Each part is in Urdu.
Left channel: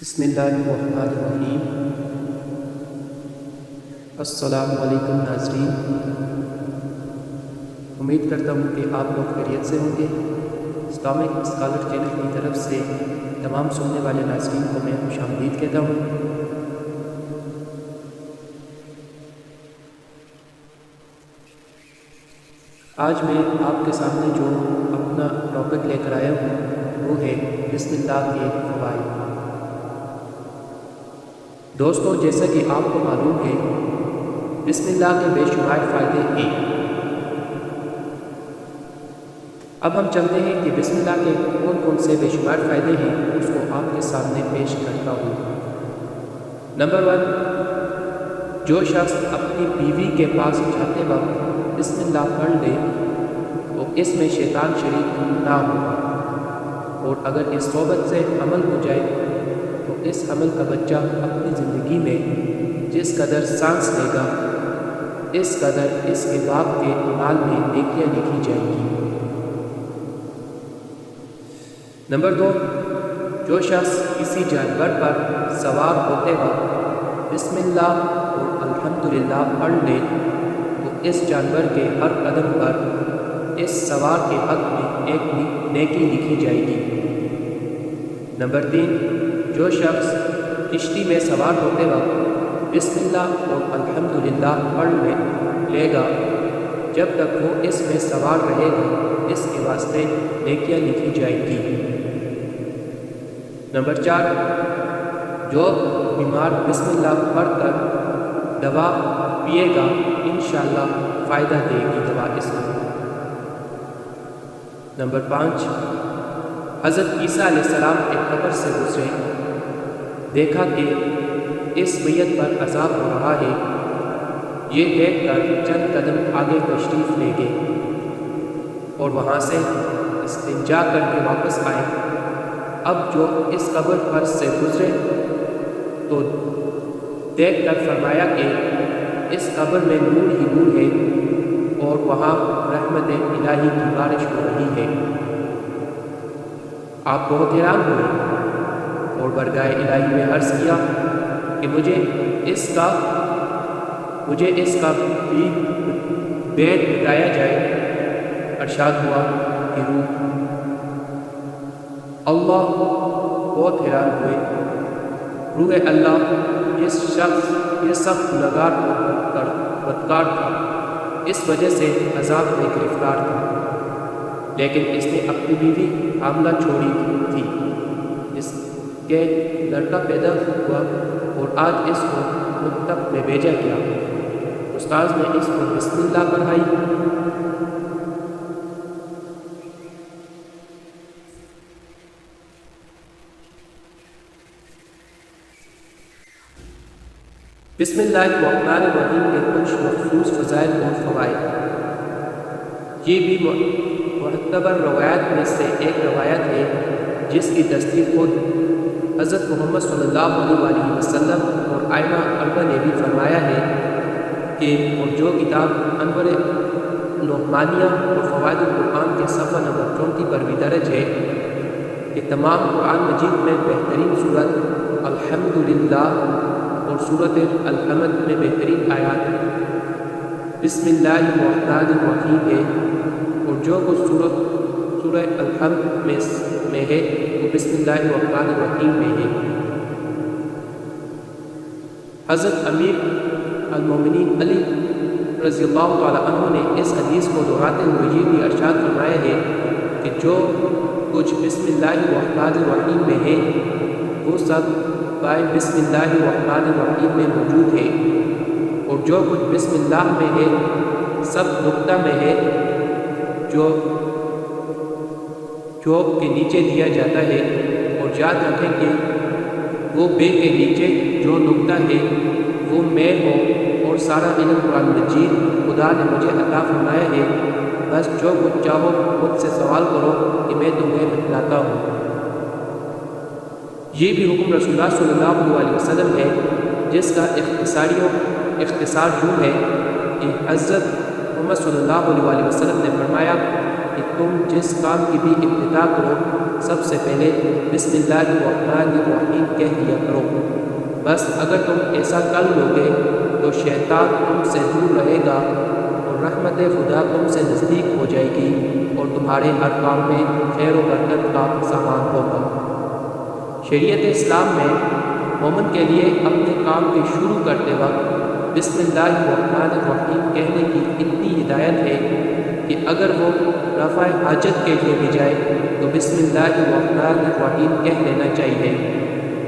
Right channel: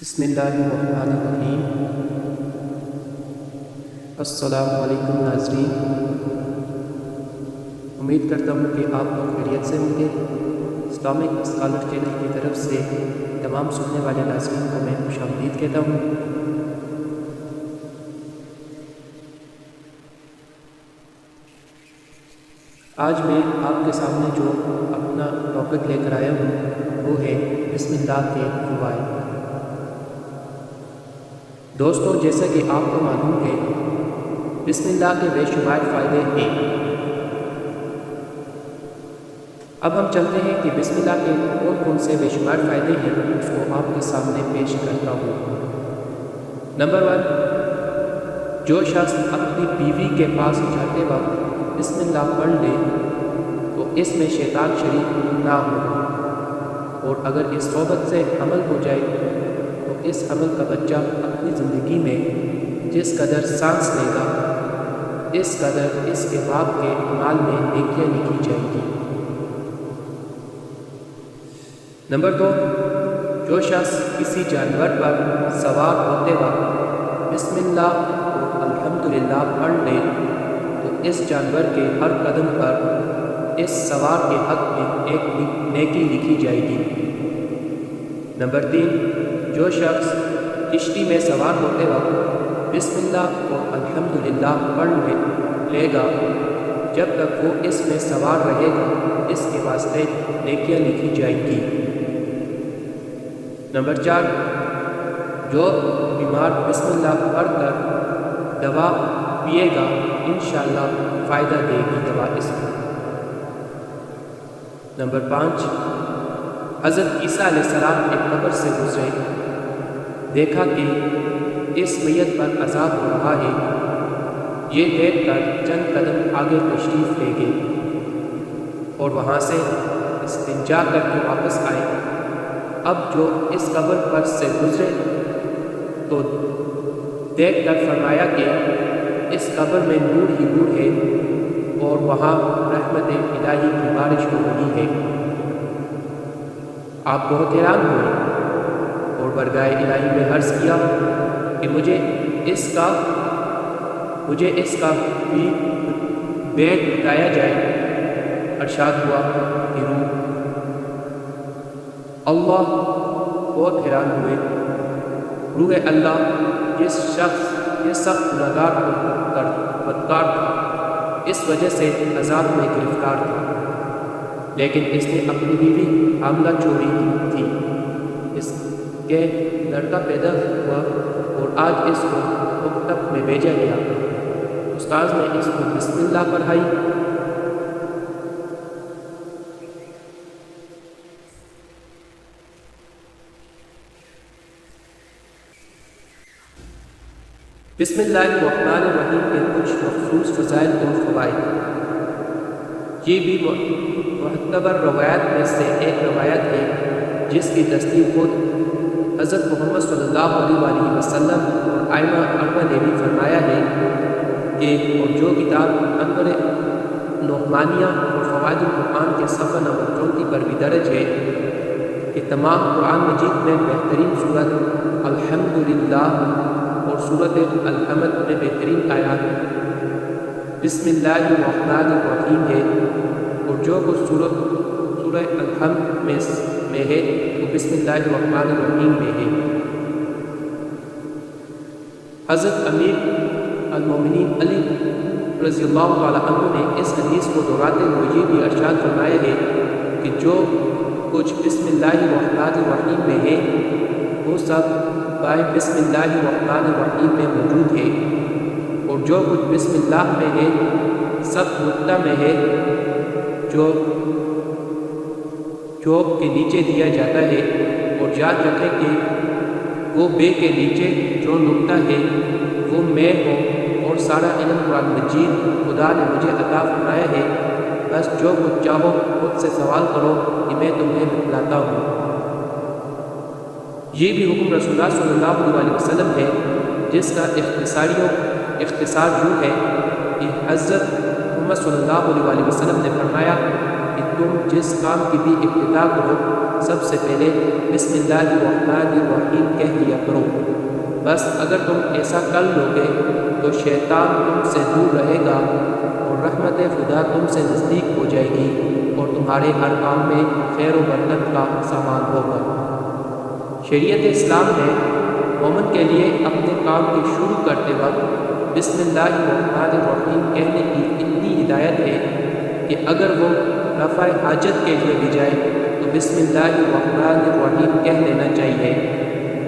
بسم اللہ الرحمن الرحیم۔ السلام علیکم ناظرین، امید کرتا ہوں کہ آپ لوگ خیریت سے ہوں گے۔ اسلامک اسکالر چینل کی طرف سے تمام سننے والے ناظرین کو میں خوش آمدید کہتا ہوں۔ آج میں آپ کے سامنے جو اپنا ٹاپک لے کر آیا ہوں وہ ہے بسم اللہ کے فوائد۔ دوستو، جیسا کہ آپ کو معلوم ہے، بسم اللہ کے بے شمار فائدے ہیں۔ اب ہم چلتے ہیں کہ بسم اللہ کے کون کون سے بے شمار فائدے ہیں، اس کو آپ کے سامنے پیش کرتا ہوں۔ نمبر 1، جو شخص اپنی بیوی کے پاس جاتے وقت بسم اللہ پڑھ لے تو اس میں شیطان شریک نہ ہوگا، اور اگر اس صحبت سے حمل ہو جائے تو اس حمل کا بچہ اپنی زندگی میں جس قدر سانس لے گا اس قدر اس کے باپ کے اعمال میں نیکیاں لکھی جائیں گی۔ نمبر 2، جو شخص کسی جانور پر سوار ہوتے وقت بسم اللہ اور الحمدللہ پڑھ لے تو اس جانور کے ہر قدم پر اس سوار کے حق میں ایک نیکی لکھی جائے گی۔ نمبر 3، جو شخص کشتی میں سوار ہوتے وقت بسم اللہ اور الحمدللہ پڑھ لے گا، جب تک وہ اس میں سوار رہے گا اس کے واسطے نیکیاں لکھی جائیں گی۔ نمبر 4، جو بیمار بسم اللہ پڑھ کر دوا پیے گا انشاءاللہ فائدہ دے گی دوا اس کو۔ نمبر 5، حضرت عیسیٰ علیہ السلام ایک قبر سے گزرے، دیکھا کہ اس میت پر عذاب ہو رہا ہے، یہ دیکھ کر چند قدم آگے تشریف لے گئے اور وہاں سے استنجا کر کے واپس آئے۔ اب جو اس قبر پر سے گزرے تو دیکھ کر فرمایا کہ اس قبر میں نور ہی نور ہے اور وہاں رحمت الہی کی بارش ہو رہی ہے۔ آپ بہت حیران ہوئے اور برگاہ الہی میں عرض کیا کہ مجھے اس کا بھی بیت بتایا جائے۔ ارشاد ہوا کہ اللہ بہت حیران ہوئے، روح اللہ جس شخص یہ سخت گنہگار اور بدکار تھا، اس وجہ سے عذاب میں گرفتار تھا، لیکن اس نے اپنی بیوی حاملہ چھوڑی تھی، اس کے لڑکا پیدا ہوا اور آج اس کو مکتب میں بھیجا گیا۔ استاذ نے اس کو بسم اللہ پڑھائی۔ بسم اللہ الرحمن الرحیم کے کچھ مخصوص فضائل اور فوائد۔ یہ بھی معتبر روایات میں سے ایک روایت ہے جس کی تصدیق خود حضرت محمد صلی اللہ علیہ وآلہ وسلم اور ائمہ اربعہ نے بھی فرمایا ہے کہ اور جو کتاب انور نعمانیہ اور فوائد القرآن کے صفحہ نمبر 34 پر بھی درج ہے کہ تمام قرآن مجید میں بہترین صورت الحمدللہ اور صورت الحمد میں بہترین آیات بسم اللہ الرحمن الرحیم ہے، اور جو کچھ سورہ الحمد میں ہے وہ بسم اللہ الرحمن الرحیم میں ہے۔ حضرت امیر المومنین علی رضی اللہ تعالی عنہ نے اس حدیث کو دہراتے ہوئے یہ بھی ارشاد فرمایا ہے کہ جو کچھ بسم اللہ الرحمن الرحیم میں ہے وہ سب بائیں بسم اللہ الرحمن الرحیم میں موجود ہے، اور جو کچھ بسم اللہ میں ہے سب نقطہ میں ہے جو چوک کے نیچے دیا جاتا ہے، اور یاد رکھیں کہ وہ بے کے نیچے جو نقطہ ہے وہ میں ہو، اور سارا علم قرآن مجید خدا نے مجھے عطا فرمایا ہے، بس جو کچھ چاہو خود سے سوال کرو کہ میں تمہیں بتلاتا ہوں۔ یہ بھی حکم رسول اللہ صلی اللہ علیہ وسلم ہے جس کا اختصار یوں ہے کہ حضرت محمد صلی اللہ علیہ وسلم نے فرمایا کہ تم جس کام کی بھی ابتدا کرو سب سے پہلے بسم اللہ الرحمن الرحیم کہہ لیا کرو۔ بس اگر تم ایسا کر لو گے تو شیطان تم سے دور رہے گا اور رحمت خدا تم سے نزدیک ہو جائے گی اور تمہارے ہر کام میں خیر و برکت کا سامان ہوگا۔ شریعت اسلام میں مومن کے لیے اپنے کام کے شروع کرتے وقت بسم اللہ الرحمن الرحیم کہنے کی اتنی ہدایت ہے کہ اگر وہ رفع حاجت کے لیے بھی جائے تو بسم اللہ الرحمن الرحیم کہہ لینا چاہیے،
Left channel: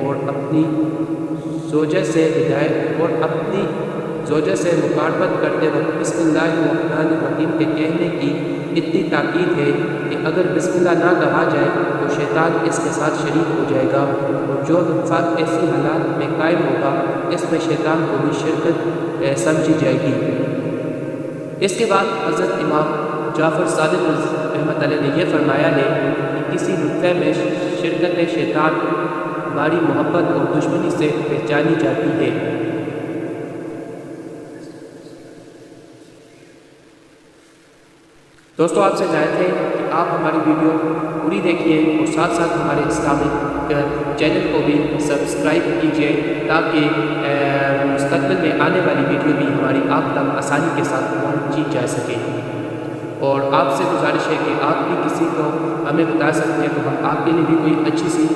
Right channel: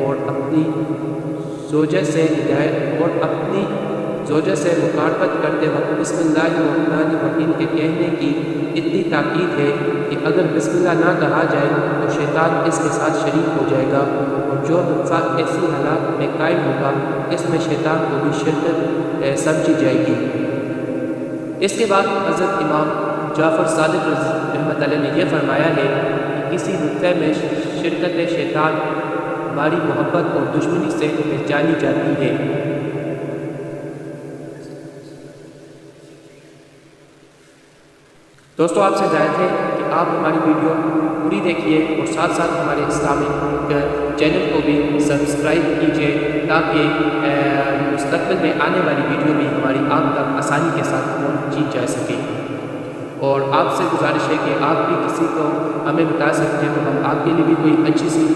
اور اپنی زوجہ سے مقاربت کرتے وقت بسم اللہ الرحمن الرحیم کے کہنے کی اتنی تاکید ہے کہ اگر بسم اللہ نہ کہا جائے تو شیطان اس کے ساتھ شریک ہو جائے گا، اور جو انسان ایسی حالات میں قائم ہوگا اس میں شیطان کو بھی شرکت سمجھی جائے گی۔ اس کے بعد حضرت امام جعفر صادق رحمۃ اللہ نے یہ فرمایا ہے کہ کسی نطفے میں شرکت شیطان ہماری محبت اور دشمنی سے پہچانی جاتی ہے۔ دوستو، آپ سے ہدایت ہے کہ آپ ہماری ویڈیو پوری دیکھیے اور ساتھ ساتھ ہمارے اسلامک چینل کو بھی سبسکرائب کیجیے تاکہ مستقبل میں آنے والی ویڈیو بھی ہماری آپ تک آسانی کے ساتھ پہنچی جا سکے۔ اور آپ سے گزارش ہے کہ آپ بھی کسی کو ہمیں بتا سکتے ہیں تو ہم آپ کے لیے بھی کوئی اچھی سی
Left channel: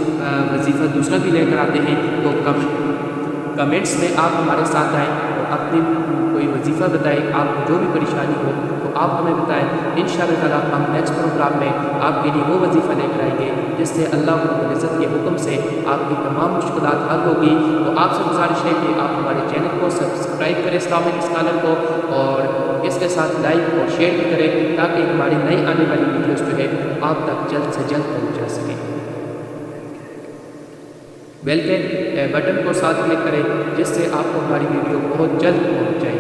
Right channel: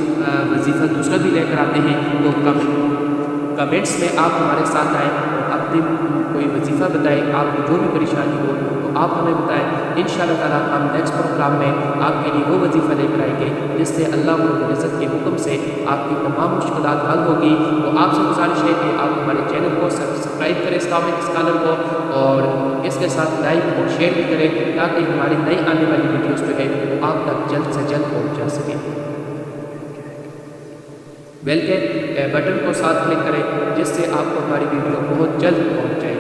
وظیفہ دوسرا بھی لے کر آتے ہیں، تو کمنٹس میں آپ ہمارے ساتھ آئیں اور اپنی کوئی وظیفہ بتائیں، آپ کو جو بھی پریشانی ہو تو آپ ہمیں بتائیں۔ انشاءاللہ تعالی ہم نیکسٹ پروگرام میں آپ کے لیے وہ وظیفہ لے کر آئیں گے جس سے اللہ رب العزت کے حکم سے آپ کی تمام مشکلات حل ہوگی۔ تو آپ سے گزارش ہے کہ آپ ہمارے چینل کو سبسکرائب کریں اسلامک اسکالر کو، اور اس کے ساتھ لائک اور شیئر بھی کریں تاکہ ہماری نئی آنے والی ویڈیوز جو ہے آپ تک جلد سے جلد پہنچ جا سکیں۔ بیل کے بٹن کو ساتھ کلک کریں جس سے آپ کو ہماری ویڈیو بہت جلد پہنچ جائے۔